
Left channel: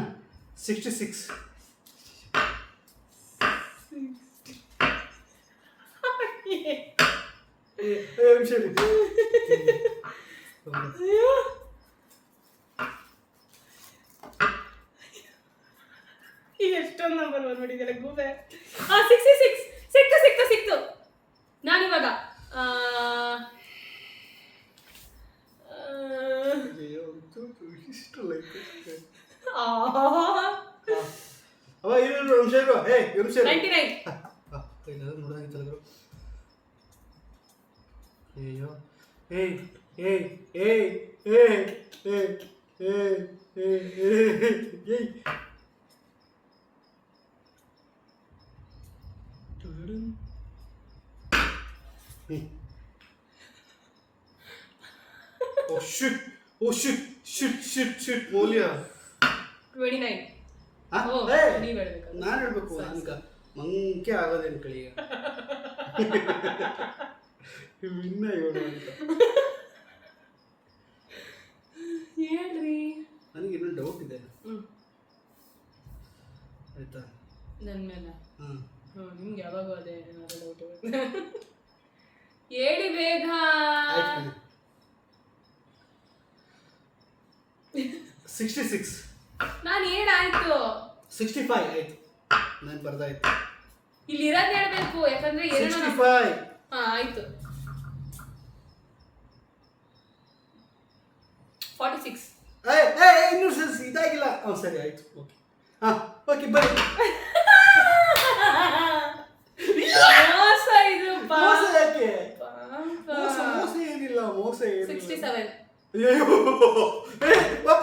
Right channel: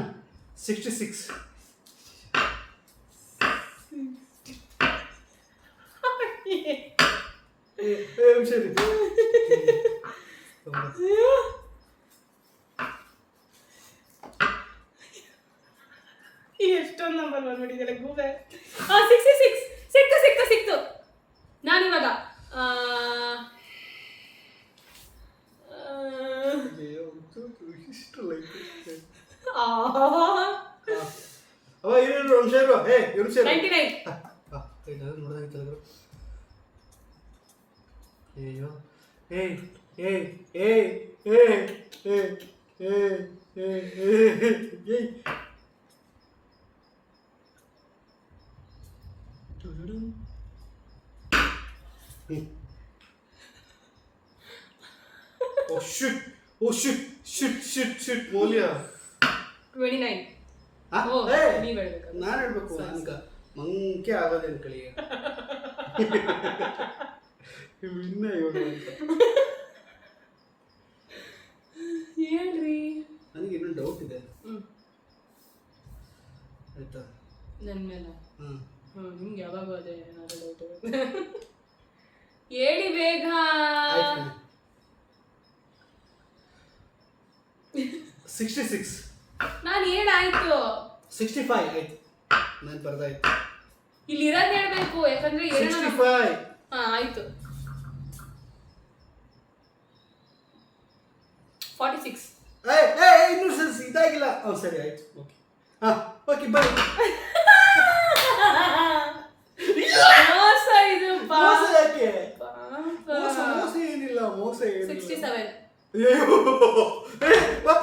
66. ಸರಿ ಎಷ್ಟೊಂದು ನಂಬರ್ ಬಂದ್ಬಿಟ್ಟಿದ್ದಾರೆ ಗೂಬೆ. 66 ಸಿಕ್ತು. ನಾನಿವಾಗ ಇಷ್ಟು ಲೈಕ್ ಅವ ಇವರು ಸೇರು. ಹೇ ಇವರು ಸೇರು. 99. ನೋಡೋದಾಗಿತ್ತಲ್ಲ. ಅಯ್ಯೋ ಏ ಏ ಏ ಏ ಏ ಏ ಏ Oh shit! Oh shit! Shit! ಮೌಲ್ಯ 29. ಓ, ನೀವ್ ಹೇಳ್ಬೇಕು. ನಾನು ಹೇಳ್ಬೇಕು. ನನಗ ಮಂಕೆ ಆಗೋದೇನು ಕಳಿಯ ಇನ್ನ ಹೇಳು ಅಂತ ಹೇಳ್ರಿ. ನನಗೆ ಇನ್ನೊಂದು ಡೌಟ್ ಇದೆ. ಆಯ್ತಾ? ನನ್ನ ಮೇಲೆ ಹ್ಮ್ ನಿಮ್ಗೆ ಯಾವಾಗೂ ಅದೇ ಏನಾದ್ರು ಡೌಟ್ ಹೇಳಿ ಬೇಗ. 66. ನಾನು ಹೇಳಾಯ್ತು. 65 ಆಯ್ತು. ನಾನು ಬರ್ದಾಯ್ತು. ಇಲ್ಲಿ ಇರೋದು ಹೇಳ್ಬೇಕು, ಯಾಕಂದ್ರೆ 65. ಆಯ್ತು. 46. ಇನ್ನೂ ಇದಾಗಿಲ್ಲ. ಸರಿ ಆಯ್ತು. ಓಕೆ ಓಕೆ ಬನ್ನಿ. ಮೋಸ ಇದು. ಮೋಸ ಯಾಕೆ? ಮೋಸ ಏನಿಲ್ಲ. 67. ಅಯ್ಯೋ ಪಾಪ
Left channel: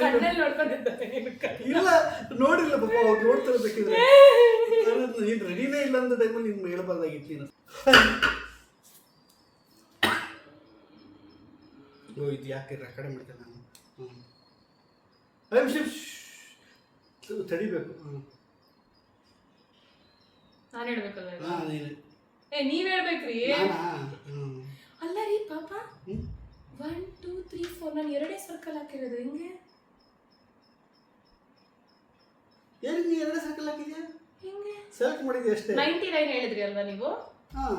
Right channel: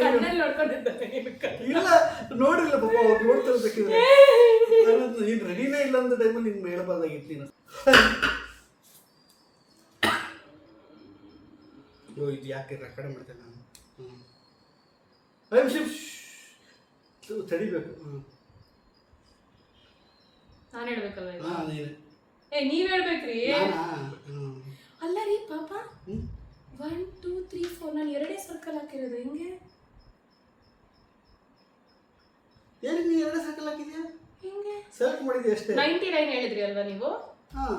ಕಣ್ಣಲ್ಲಿ ನೋಡ್ಕೊಂಡಿದ್ದಾನೆ. ಇಲ್ಲ ನೋಡಿಲ್ಲ ಪಾಪ. ಅವ್ರು ನೋಡ್ತಾರೆ ಬೇಕಿದ್ರೆ. ನೀನು ರೆಡಿನೇ ಇಲ್ಲ ಅಂತ ಟೈಮಲ್ಲಿ ನಿನ್ನ ಹೇಳಬಾರ್ದಾಗಿತ್ತು ನೀನು. ಇದು ಯಾಕೆ ಕಡೆ ಮಾಡ್ತೇನೆ ನಾನು. ತಡಿಬೇಕು. ನಾನು ಹೇಳ್ಬೇಕಲ್ಲ ಈಗ? ನೀನು ನೀವ್ ಹೇಳ್ಬೇಕ್ರಿ. ನಾನಾ? ಅಲ್ಲ ರೀ ಪಾಪ. 1 2 3 4 ನಾನು ಎರಡೇ ಸರ್ಕಲ್ ಹಾಕಿರೋದು. ಹೆಂಗೆ ಏನು ನೀ ಎರಡೇ ಸರ್ಕಲ್ ಹಾಕಿದ್ಯಾ? ಹೆಂಗೆ ಸೆಲೆಕ್ಟ್ ಮಾಡಿದ್ಯಾ ಅಷ್ಟೇ. 99 ಹೇಳಿದ್ರಿ ಅಲ್ವಾ ನೀವು? ಹಾಂ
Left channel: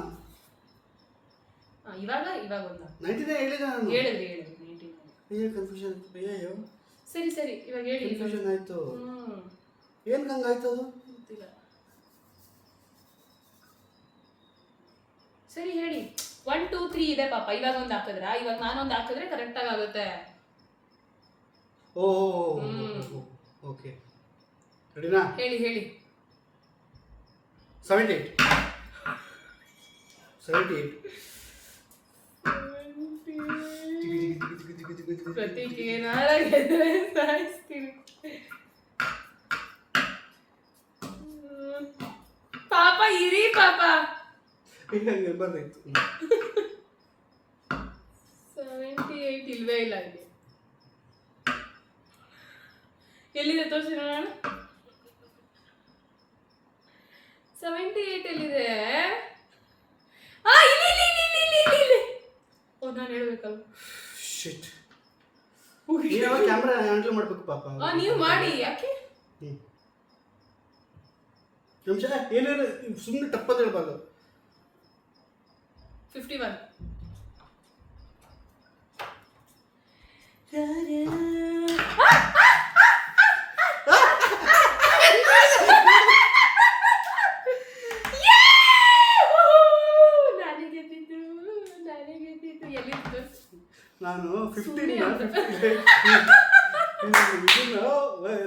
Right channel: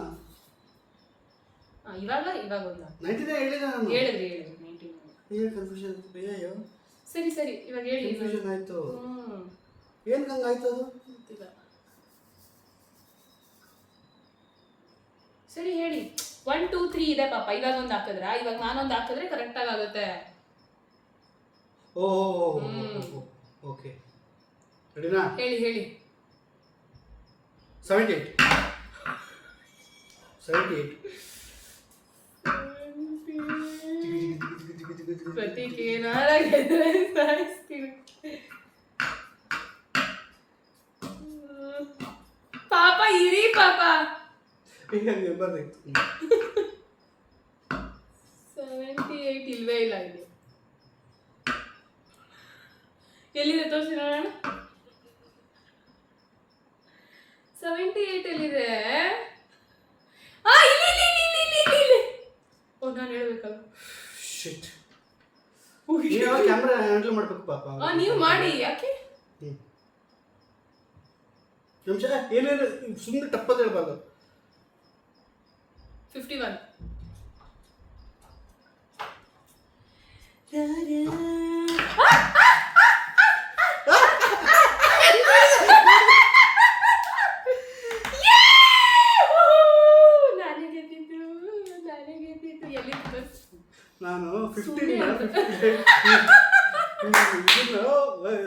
ಇವಾಗ ಒಂದು 99 ಹೇಳಿದೆ ನಾನು. ಹೇಳಿದ್ರಿ 99. ಏನು ಕನ್ಫ್ಯೂಷನ್? ಅಯ್ಯೋ ಸರಿ ಇವಾಗ ಹೇಳಿ. ಕನ್ಫ್ಯೂಷನ್ ಆಯಿತು. ಏನು ಹಂಗಾಯ್ತು ಅದು? ಗೊತ್ತಿಲ್ಲ. ಸರಿ ಹೇಳಿ. 1 2 3 ಇದೆ ಪಾಪ. ಇವಾಗ ಒಂದು ಹಾಕಿದ್ರಾ? ಇವಾಗ ನಾನೊಂದು ಹಾಕಿದ್ರೆ ಕರೆಕ್ಟ್ ಆಗುತ್ತೆ. ಓಕೆ ರೆಡಿನಾ? ಹೇಳಿ. 78. ಪ್ರತೀಕ್ ಏನಾರಾಗಿದ್ರೆ ಸಾಯಿಸ್ತೀನಿ. ಪಾಪ ಇರಿ ಪಾಪ. ಹಂಗೆ ಬರ್ದಾಯ್ತು. 78 ಇಲ್ವೇ ಇಲ್ಲ ಇಲ್ಲಿ. ಎಲ್ಲಿದೆ ತೋರಿಸಿ ನೋಡೋಣ. 78 ಎಲ್ಲಿದೆ? ಇಲ್ಲಿ. ಓ ನಾನು ಹೇಳ್ಬೇಕಲ್ಲ. ಶಿಟ್. ಕ್ಯಾಮ್ರಾ ಹ್ಯಾಂಡಲ್ ಮಾಡ್ಬೇಕು ಪಾಪ. ನೀವು ಮಾಡಿ. ಯಾಕೆ ನಿಮಿಷ ಏನೇನು ಸುಮ್ಮನೆ ಟಪ್ಪದ ಹೇಳ್ಬಾರ್ದು. 51. ನಾನು 15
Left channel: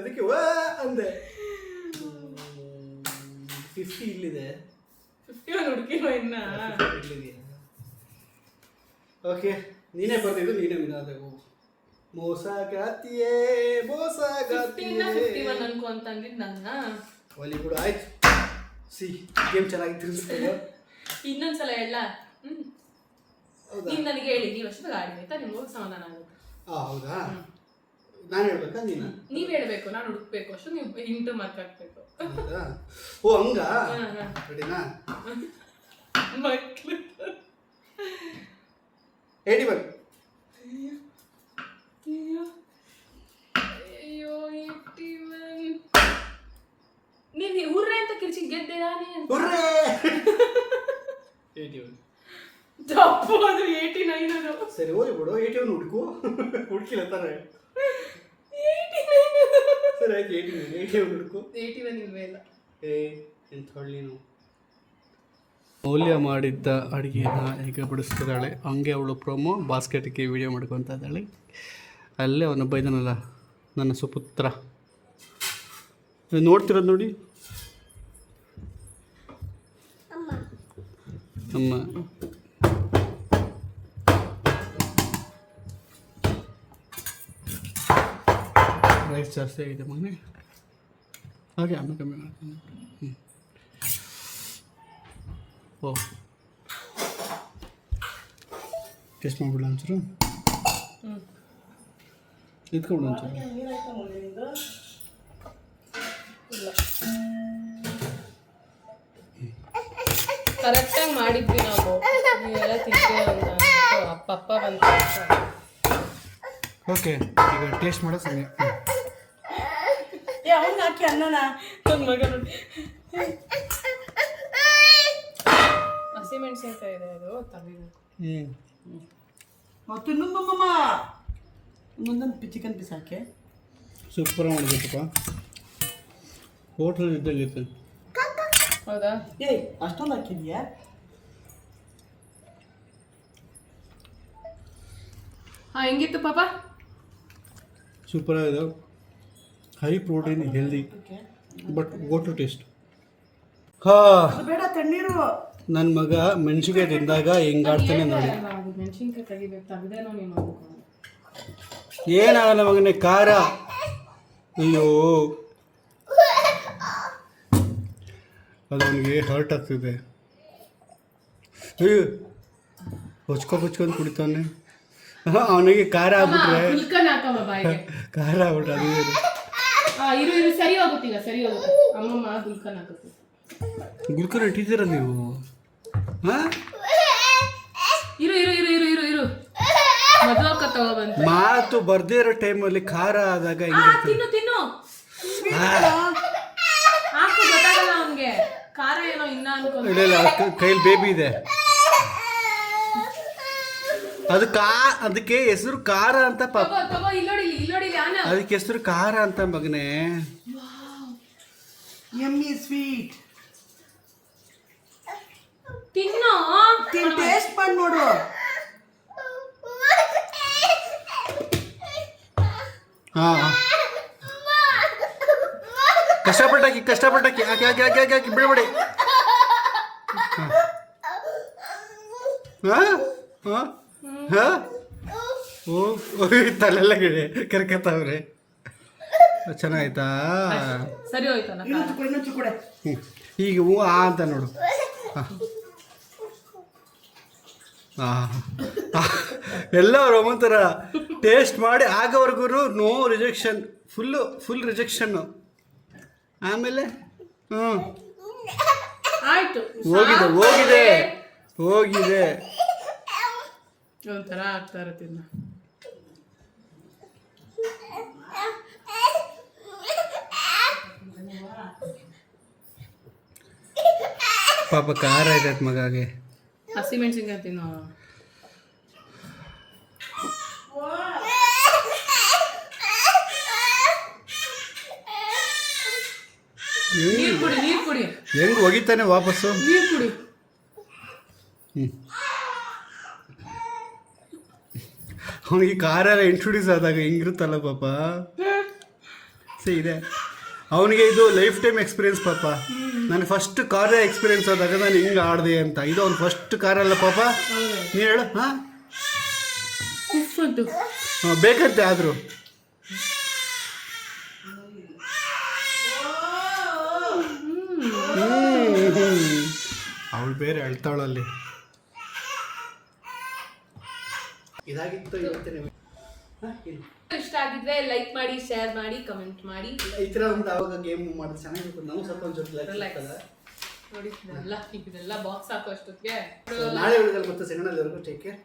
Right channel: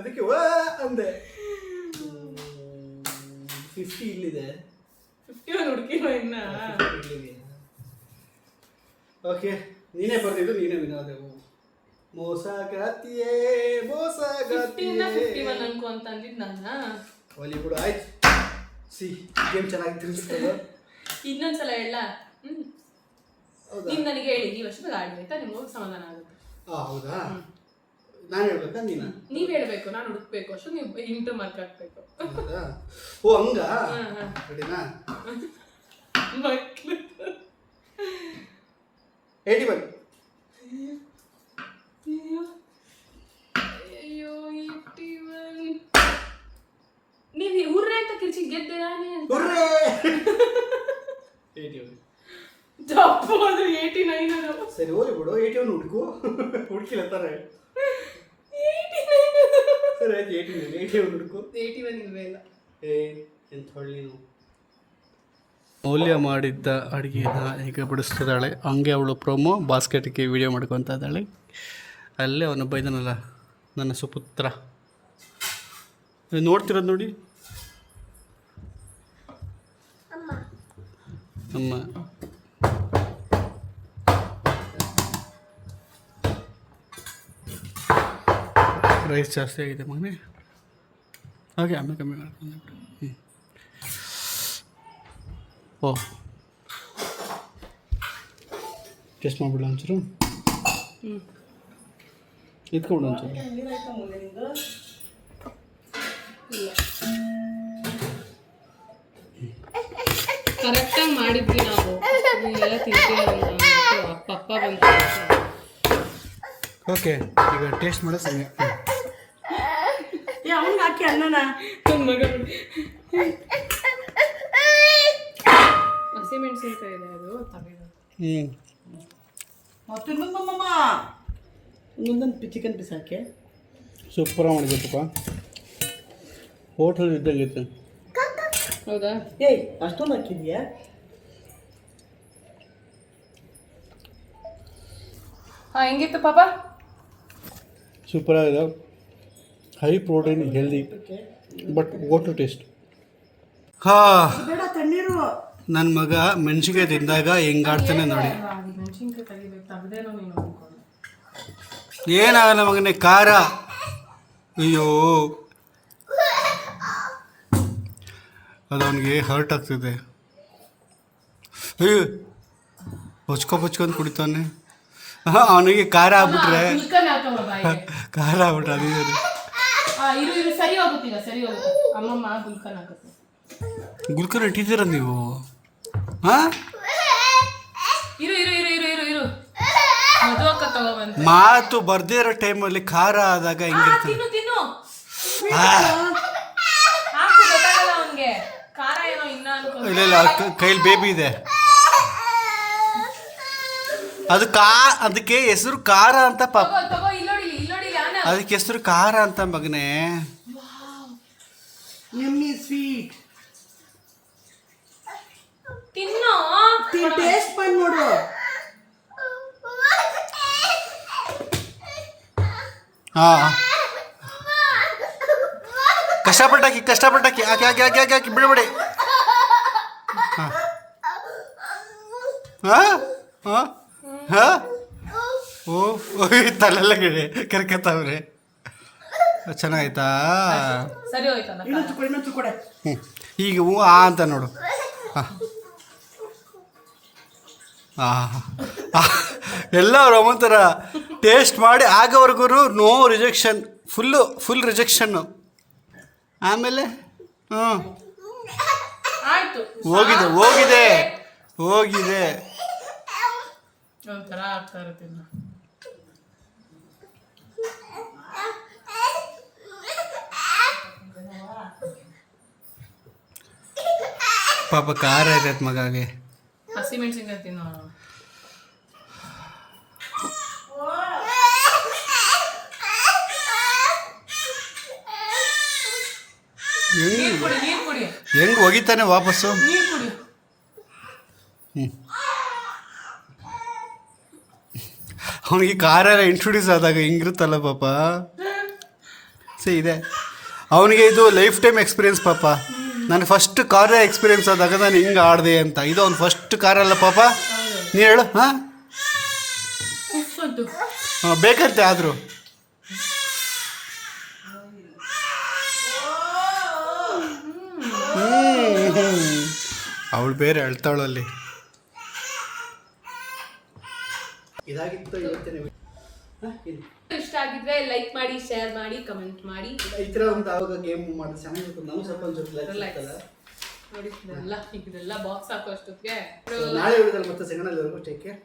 ಅದಕ್ಕೆ ಅಂದೆ. 50 ಇಲ್ಲಿದೆ. 51 ಹುಡುಕಿರೋ ಇನ್ನ. ಓಕೆ ನೀನೇ ಬರ್ತಿದ್ದು ನೀನೇ ವಿನಾದವು. ಮೋಸಗಾತಿಯೇ 51 ಅನ್ಕೊ ಅಂತ ಅಂದಿದ್ದು ನನ್ನ. ಒಲಿ ಕೂಡ ಆಯ್ತು. ಗೇಮ್ ಚೆನ್ನಾಗಿ ತಿರ್ಗಿಸ್ತಲ್ಲ. ಇನ್ನೊಂದ್ಸಲ ಹೇಳ. ನೀನ್ ನನಗೆ ಹೇಳಿ ನೀವು ಅಷ್ಟು ಗಾಡಿ ಆಯ್ತಾ ನಿಮ್ಗೆ ಸಮಾಧಾನ ಆಗುತ್ತೆ. ಹೌದಾ ನಾನು ಹೇಳ್ಬೇಕಾ ನೀವ್ ಹೇಳ್ಬೇಕು ನಾನು ಹುಡುಕ್ಬೇಕು ಅಷ್ಟು ನೀವು ಇಂಟು ಮಾರ್ಕ್ ಹಾಕ್ಬೇಕು. ಓ ಹಂಗ ರೆಡಿನಾ? ಮಕ್ಳು 81. ಅಯ್ಯೋ 81. ನೀವು ಹುರ್ರೆ ಅಂತ ಕಿರ್ಚಿ ಗೆದ್ದೇನಾ? 81 ತಪ್ಪು, ಅದು 89 ಅದು. ಸರಿ ಹೋಗಿ ಬಿಡು. 81 ಹುಡುಕು. ಹುಡುಕಿಲ್ಲ ತಾರೆ. ಸರಿ ಆಯ್ತು 81 ಹುಡುಕು. 81 ಇಲ್ವೇ ಇಲ್ಲ. ಎಂತ ನೀನು. ಮೌಲ್ಯ ಮಾಡಿದ್ದ ಅಡುಗೆನ ಹೇಗೆ ಬಡಿಸ್ತಿದ್ದಾಳೆ ಹಂಗೆ ಅವಳು ಪ್ರೊಮೋ ಬಾಸ್ಕೆಟ್ಗೆ ವಿಡಿಯೋ ಮಾಡ್ಕೊತಾ ಇದ್ದಾಳೆ. ಅಲ್ಲೇ ಅವನೊಬ್ಬ ಇದ್ದಾನಲ್ಲ ನನ್ನ ಸುಪುತ್ರ, ನೋಡ್ತಿರೋದು ನೋಡಿ. ಅಮ್ಮ ರೈಸ್ ಜಾಸ್ತಿ ಆಗಿದೆ ಮಗನೇ. ಹಾಗೆ ಆಮೇಲೆ ಕಮ್ಮಿ ಮಾಡ್ಕೊಂಡು. ಓ ಟೆಸ್ಟ್ ಮಾಡಿಬಿಡ ಒಂಚೂರು. ಇದ್ಕೊಂಡು ಒಂಚೂರು. ಕರೆಕ್ಟಾಗಿ ಮಾಡಿದ್ವಿ ನಾವು. ಎಲ್ಲ ತಿಂತೀವಿ. ಪಪ್ಪ ಬಂದು ಓಕೆ ಈಗ ಟೇಸ್ಟ್ ಮಾಡೋ ಸಮಯ. ಅವ್ನು ಹಾಕಿ ಅನ್ನನ ಹಸಿಮೆಣಸಿನ್ಕಾಯಿ ಇದೆ ಅದು ತಲೆದು. ಮತ್ತು ಇನ್ನೊಂದಮ್ಮ ಇನ್ನೊಂದು ಚಿಕನ್ ಪೀಸ್ ಹಾಕಿ. ಸೂಪರಾಗಿ ಮಾಡಿದ್ಯಪ್ಪ. ಹೋಟೆಲ್ ಇದ್ದಂಗಿತ್ತು. ಹೌದಾ? ಏಯ್ ಅಷ್ಟೊಂದು ಹಾಕಿದ್ಯಾ? ಹೆಂಗಿತ್ತು ಪಾಪ? ಸೂಪರಾಗಿದೆ. High protein, healthy, but water taste. ಬೇಡ ತಣ್ಣೀರು. ನನ್ನ ಮಗ ಮೆಣಸಿನ್ಕಾಯಿ ತಿಂದಾಗ ಹೆಂಗಾಡ್ತಾನೆ ನೋಡಿ. ಮೆಣಸಿನ್ಕಾಯಿ ತೆಗಿಬೇಕು ತೆಗ್ದೇನೋ ನೀನು ಅನ್ಕೊಂಡು. ಏನಾಗಲ್ಲ ಮಗನೇ, ಖಾರ. ಅಯ್ಯೋ ಅದು ಅವನಿಗೆ ಹರ್ಟ್ ಆಗ್ತಿದೆ. ಅಯ್ಯೋ ಹೊಚ್ಕೊಂಡು ಕುಡಿತಾನೆ. ಅವನಿಗೆ ಖಾರ ಆಗ್ಬಿಟ್ರೆ ಖಾರ ಆಗ್ಬಿಟ್ರೆ ಅದು ಇರು ಸರಿ ಹೋಗುತ್ತೀಗ, ಸರಿ ಹೋಗುತ್ತೆ. ಅಮ್ಮಮ್ಮ ಗುಲ್ಕನ್ ಹಾಕುತ್ತೆ. ಗುಲ್ಕನ್ ಇಟ್ಟಿದ್ದೀರ ನೀವು? ಹಾಂ ಇರು ಇರು ಇರು ಇರು ಇರು ಇರು ಮದುವಕ್ಕ ತಗೊಬಂದು ಮಾತು ಬರ್ದೇ ಇರೋ ಟೈಮಲ್ಲಿ ಖಾರ ಆದಾಗ ಹೆಂಗಿರ್ತದೆ. ತಿನ್ನು ತಿನ್ನು ಹಾಕು, ಗೊತ್ತಾಗಲ್ಲ ಅವನ್ಗೆ ಖಾರ ಏನೋ ಇನ್ನ ಅನ್ಕೊಂಡು. ಇಲ್ಲ ಕೈಲಿ ಬೇಬಿ ಇದೆ. ಅದು ಅದಕ್ಕೆ ಹೆಸರು ಖಾರ ಅಂತ ಪಾಪ. ತಗೋ ಇಲ್ಲೋಡಿ ನಾನು ಅದಕ್ಕೆ ಹೆಸರು ಖಾರ ಅಂತ ಮಗನೇ. Yummy sweet. ತಿನ್ನು ಟೇಸ್ಟ್ ಮಾಡಿ ನೋಡು. ಹಾಂ ಕಷ್ಟಪಟ್ಟಾಕಿ ಹಾಕಿ ಹಾಕಿ ಹಾಕಿ ಹಾಕಿ ಹಾಕಿ ಬಿಡಬೇಡಿ. ಹಾಂ ಹಾಂ ಹಾಂ ಹಾಂ ಓ ತಲೆಲ್ಲ ಗಿಡೆ ಕರ್ಕತ್ತವ್ರೆ. ಚೆನ್ನಾಯ್ತಾ? ಸರಿ ಹೋಯ್ತಲ್ಲ. ಇನ್ನೊಂದು ಕೊಡೆ. ಈಗ ಹ್ಞೂ ಅಂತ ನೋಡು. ಎಲ್ಲ ಅವ್ರು ಒಂಥರ ಟೇಸ್ಟ್ ಮಾಡಿ ಆಗೋವರೆಗೂ ನೋ ರಿಜೆಕ್ಷನ್, ಫುಲ್ ರಿಜೆಕ್ಷನ್ನು. ಆಮೇಲೆ ಆಯ್ತು ಹೋಗಿದೆ ಹೋಗಿದೆ. ಒಂಥರ ಆಗ್ತಾ ಇರುತ್ತೆ ಇನ್ನು. ಪಾಪ ಖಾರ ಇರತ್ತೆ ಮಗಾಗೆ. ಹಸಿಮೆಣಸಿನ್ಕಾಯಿ ತಿನ್ನೋ. ನೀರು ಕುಡಿ ಹೆಂಗ್ ಹೋಗಿತಾನೆ ವಾಪಸ್ಸು. ನೀರು ಕುಡಿ. ಅವನಿಗೆ ಖಾರ ಎಲ್ಲ ಇಂಟ್ರೊಡ್ಯೂಸ್ ಆದಾಗ ಹಿಂಗಿರುತ್ತಲ್ಲ ಪಾಪ. ಇದೆ ಅವನಿಗೆ ಇದು ಲೈಫ್ ಟೈಮ್ ಎಕ್ಸ್ಪೀರಿಯನ್ಸ್ ಪಾಪ. ನಾನು ಫಸ್ಟ್ ಖಾರ ಎಕ್ಸ್ಪೀರಿಯನ್ಸ್ ಆದಾಗ ನಾನು ಹಿಂಗೆ ಆಡಿದೆ ಅಂತ. ಇದು ಅವ್ನು ಫಸ್ಟ್ ಖಾರ ಅಲ್ಲ ಪಾಪ. ನೀ ಹೇಳು. ಹಾಂ ಬೇಕಂತೆ ಆದರೂ ಅವಳು ಬೇರೆ ಅಳ್ತಾವಳಲ್ಲಿ. ಇದಾಗಿತ್ತು ಇವತ್ತಿನ. ಇಷ್ಟ ಆಗಿದ್ರೆ ಲೈಕ್ ಮಾಡಿ, ಶೇರ್ ಮಾಡಿ, ಕಮೆಂಟ್ ಮಾಡಿ. ಈ ಥರ ಒಂದು ಆವಾಗ ಗೇಮ್ ಮಾಡಿದ್ರೆ ಚೆನ್ನಾಗಿರುತ್ತೆ. ನಮ್ಗೆ ಸ್ವಲ್ಪ ಒಂಚೂರು ನೋಡಿ ಇದೆಲ್ಲ ಬಾಕ್ಸ್ ಹಾಕೋ ಅಷ್ಟೊತ್ತಿಗೆ. ನಾಳೆ ಉಳಿದಲ್ಲಿ ಮತ್ತೆ ಸಿಗೋಣ. ಎಲ್ಲರಿಗೂ ಟೇಕ್ ಕೇರ್.